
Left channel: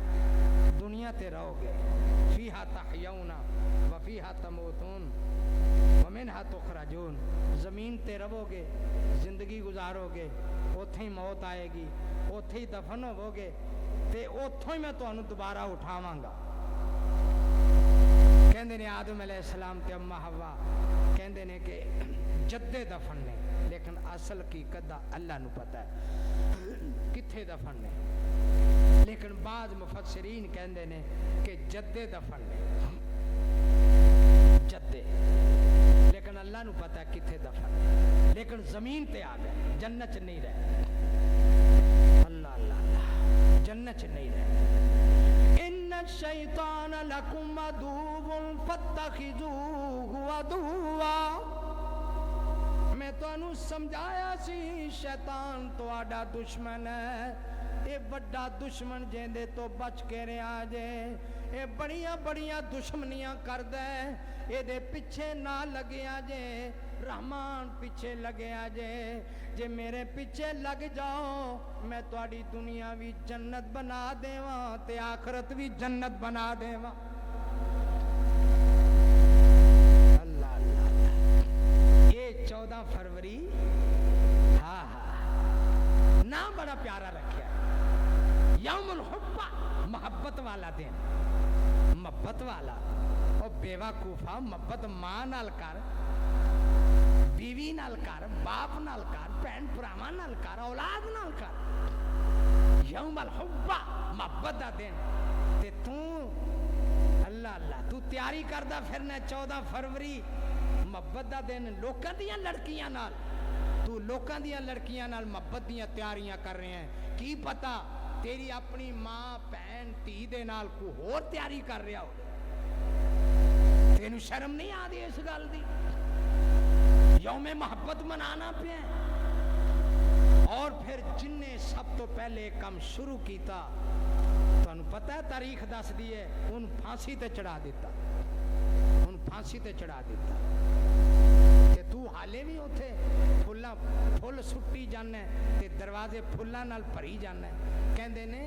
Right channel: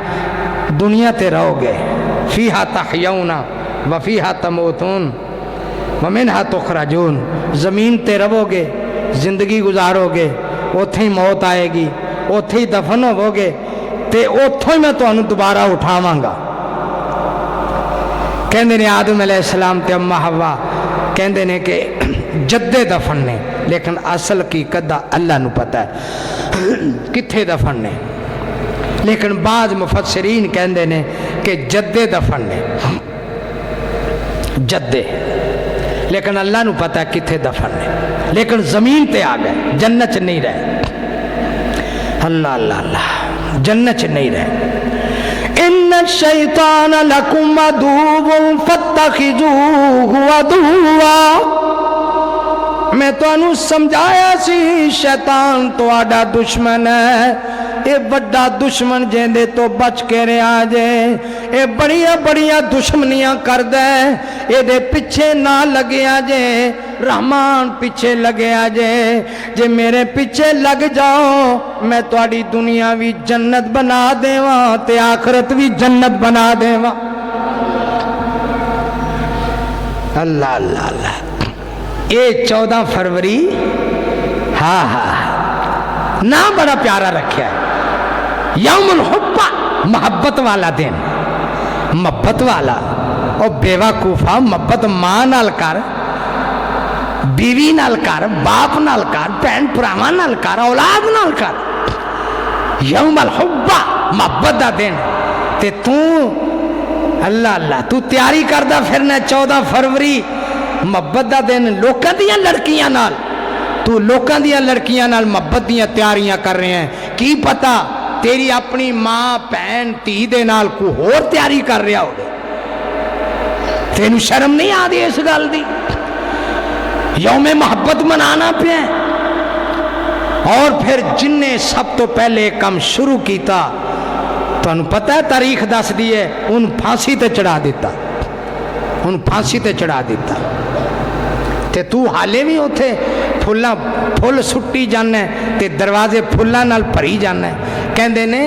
دنیا تے رہو گے فیہا تحیون وفیہا تموتون ومنہا تخرجون زمین تے رہو گے زندگی گزارو گے اوتھے ہی موت آئے گی اوتھے ہی دفن ہو گے تے اوتھے ہی میں توانو دوبارہ اٹھاواں گا کہندے نے آدم علیہ السلام تے اماں حوا کہندے نے کہ جدے دفن نے لیکن اصل کی قدہ اللہ نو پتہ ہے کتھے دفن نے لیکن بعض مفسرین کہندے نے کہ جدے دفن نے جدے لیکن اللہ نو پتہ ہے کتھے دفن نے لیکن زمین تے آ گئے جنت نہیں رہے اللہ اللہ اللہ جنت نہیں رہے ان الشیطان لکم عدو فاتخذوہ عدوا میں تو انہوں سمجھایا سی شیطان تو آڈا دشمن ہے اے بڑا دشمن جیندے تو بچ کے رہے آجے اے بڑیاں دشمنیاں کر دے اے دے پچھے نہ لگے آجے رحمان پیچھے لگے آجے جے میرے پیچھے لگ جاؤ میں تو آڈی دنیا بھی جنت بنا دے وہاں تے آخرت بھی جنت بنا دے وہاں اللہ اللہ اللہ یہ 14 فروری ہاں نام بڑا پیارا رکھیا ہے یوم الحبہ محبت والا دن محبت والا اور بیوقوفا محبت ماں نال کر بیوی نال کر باپ نال کر بہن بھراواں نال کر اولاد نال کر یوم الحبہ محبت دا دن تے تو اللہ اللہ تو تیاری کردہ پھرنا 14 فروری محبت دا دن لوکاں دیاں لڑکیاں نال تو لوکاں دیاں لڑکیاں نال محبت دیاں تیاریاں کر رہے ہیں کی پتا تیری اپنی ماں بہن دھی دے نال کو اور تیاری کر رہا ہو تینوں شرم نہیں آدھی اس گل دی یوم محبت منانا پہ اور پھر جن نے سب تو پہلے کم شروع کیتا تو انہوں پتہ ہے تاریخ دس دیئے ان پھانسی تے چڑھا دیتا ان پھانسی تے چڑھا دیتا تے تو حالے بھی ہوتے پھل سٹی جانا ہے تے دروازے پھلاں نال بھری جانا ہے کہندے نے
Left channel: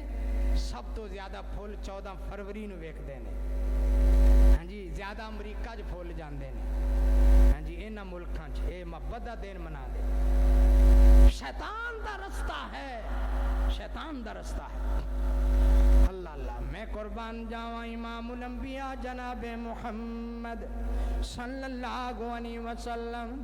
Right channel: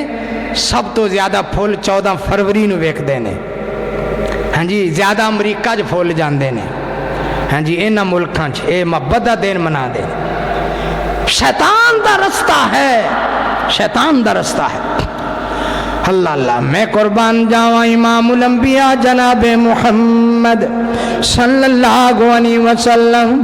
سب تو زیادہ پھل 14 فروری نو ویکھ دینے ہاں جی زیادہ امریکہ جو پھول جاندے نے ہاں جی اینا ملکاں چھ اے محبت دا دین منا دے شیطان دا رستہ ہے شیطان دا رستہ ہے اللہ اللہ میں قربان جاواں امام الانبیاء جناب محمد صلی اللہ علیہ وسلم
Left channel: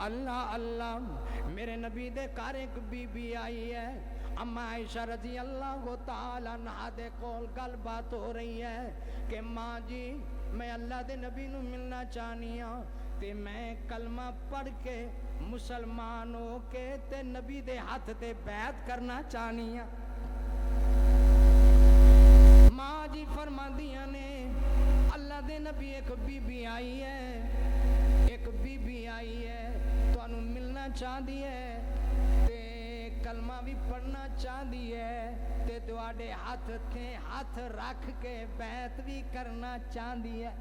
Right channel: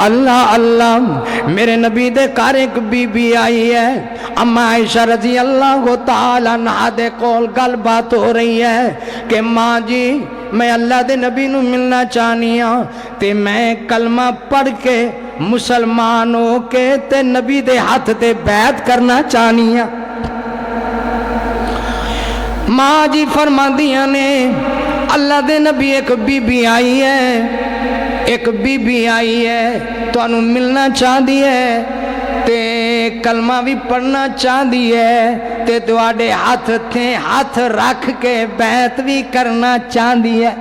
اللہ اللہ میرے نبی دے گھر ایک بی بی آئی ہے اما عائشہ رضی اللہ تعالیٰ عنہا دے کول گل بات ہو رہی ہے کہ ماں جی میں اللہ دے نبی نو ملنا چاہنی ہاں تے میں کلمہ پڑھ کے مسلمان ہو کے تے نبی دے ہاتھ تے بیعت کرنا چاہنی ہاں ماں جی فرما دیا نے اللہ دے نبی ایک بی بی آئی ہے ایک بی بی آئی ہے تو انہوں ملنا چاہ دی ہے تے کلمہ بھی پڑھنا چاہ دی ہے تے دوڑے ہاتھ تھے ہاتھ رکھ کے بیعت بھی کرنا چاہ دی ہے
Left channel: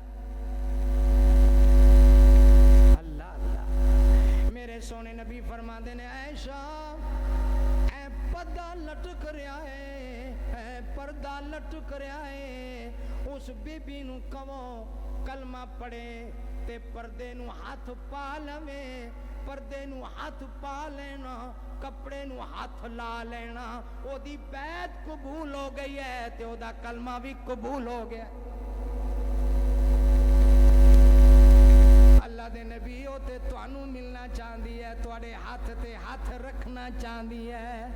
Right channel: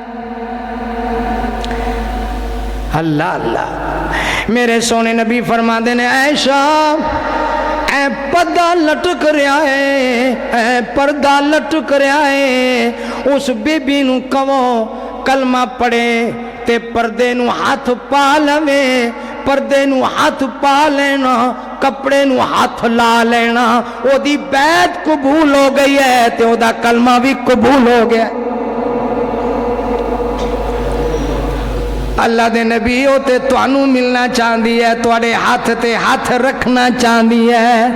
اللہ اللہ میرے سونے نبی فرما دینے عائشہ اے پردہ لٹک رہا ہے اے پردہ لٹک رہا ہے اس بی بی نو کہو کلمہ پڑھے تے پردے نو ہاتھ پا لوے پردے نو ہاتھ پا لینا کپڑے نو ہاتھ لا لینا او دی بیعت قبول ہو گئی ہے تے او دا کلمہ بھی قبول ہو گیا اللہ دے نبی او تے توانوں ملنا چاہندی ہے تواڈے ہاتھ تے ہاتھ رکھنا چاہندی ہے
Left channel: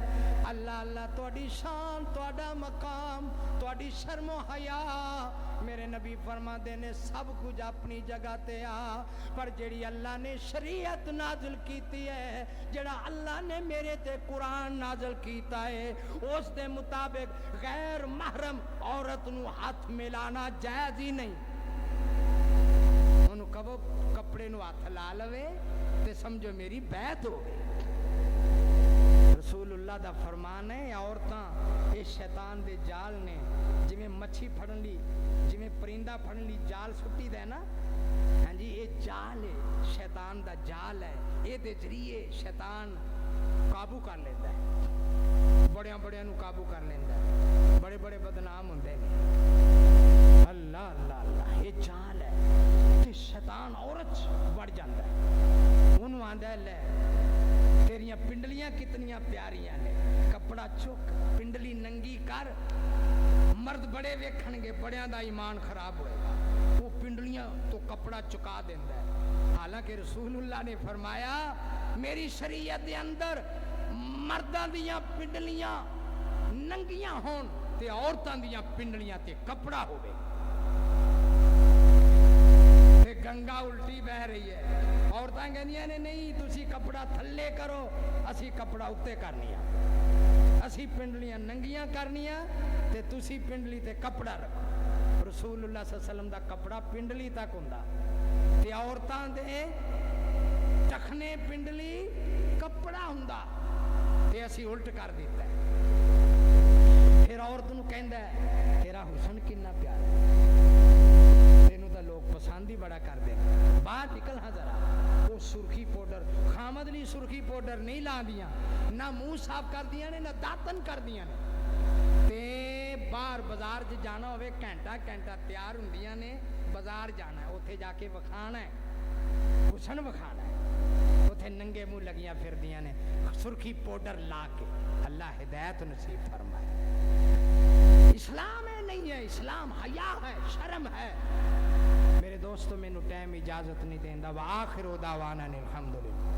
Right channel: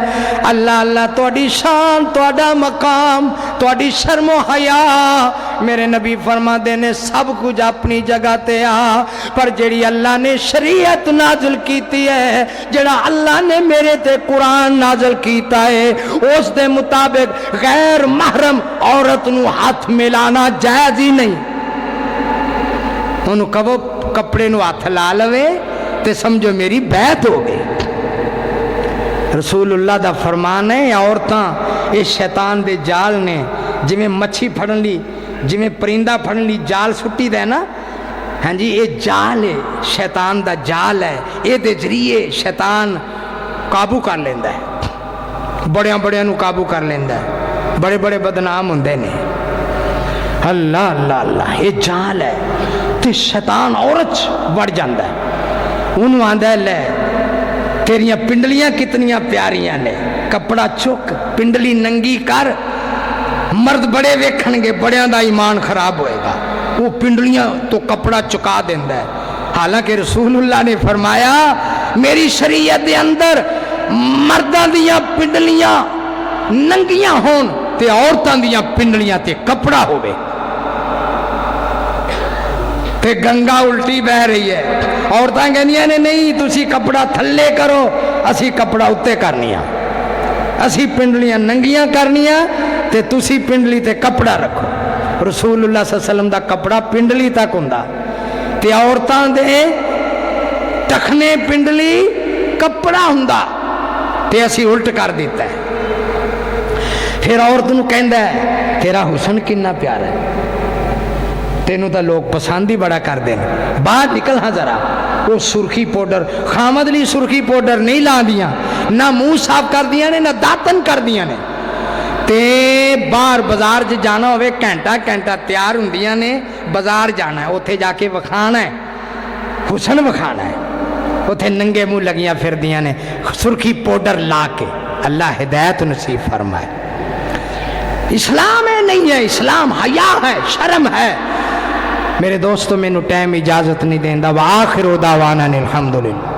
اللہ اللہ تواڈی شان تواڈا مقام تواڈی شرم و حیا میرے نبی فرما دے نے سب کچھ اپنی جگہ تے آ پر جڑی اللہ نے شریعت نازل کیتی ہے جڑا اللہ نے میرے تے قرآن نازل کیتا ہے اس دے مطابق غیر محرم عورت نو ہاتھ ملانا جائز ہی نہیں انہوں کہو کپڑے نو ہاتھ لا لوے تے سمجھو میری بیعت ہو گئی رسول اللہ دا فرمان ہے عورتاں اس شیطان دے جال نے جویں مچھی پھڑن لی جویں پرندہ پھڑن لی جال سٹی دے نا ہاں جی یہ جال ہے شیطان دا جال ہے یہ دے ذریعے شیطان قابو کر لیندا ہے بڑیاں بڑیاں نو قابو کر لیندا ہے بڑے بڑے بدنام ہوندے نے اللہ اللہ اللہ یہ جال ہے تے شیطان عورت بڑھ جاندہ ہے انہوں آندہ ہے لے تیریاں پنڈلیاں کتنیاں پیاریاں نے کپڑا چک پنڈلی ننگی کر مرد بڑے ویکھنگے بڑیاں دا ایمان خراب ہوئے گا وہ پنڈلیاں تو کپڑا چکا دیندہ ہے حالانکہ رسول اللہ نے فرمایا میری شریعت دے اندر مردان دیاں پنڈلیاں ننگیاں ہون تے عورتان دیاں پنڈلیاں تے کپڑا ہوئے تے گنگا الٹی بہ رہی ہے عورتاں کہنیاں نے نہیں تسی کپڑا تھلے کرو اسی کپڑا اتے کرنیاں اسی پنڈلیاں ننگیاں کرنیاں تے تسی پنڈلی تے کپڑا رکھو رسول اللہ صلی اللہ علیہ وسلم دا کپڑا پنڈلی تک ہوندا تے عورتاں دے ٹکھنے پنڈلی کپڑا ہوندا تے اسی الٹ کر دیتا ہے پھر عورت نو کہندا ہے تیرا حسن کنا پیارا ہے تینوں تا لوگ پسند ہی بڑا کر دیں باہر نکل ہاں ذرا وہ سرخی پوڈر خامد لی سرخی پوڈر نہیں لا دیاں نہ منہ صاف کر دیاں نے نہ داتن کر دیاں نے تے باہر بازار جے جانا ہوئے گھنٹہ تیار ہوندیاں نے بازار جانا ہے اتھے جا کے وکھانا ہے حسن وکھانا ہے اتھے ننگے منہ لگیاں پھر دیاں نے سرخی پوڈر لا کے اللہ ہدایت نصیب فرمائے اسلام ہے نہیں ہے اسلام حیا ہے شرم ہے میرے دوستوں میں نو ٹائم اجازت نہیں دیندا وآخر دعوانا الحمدللہ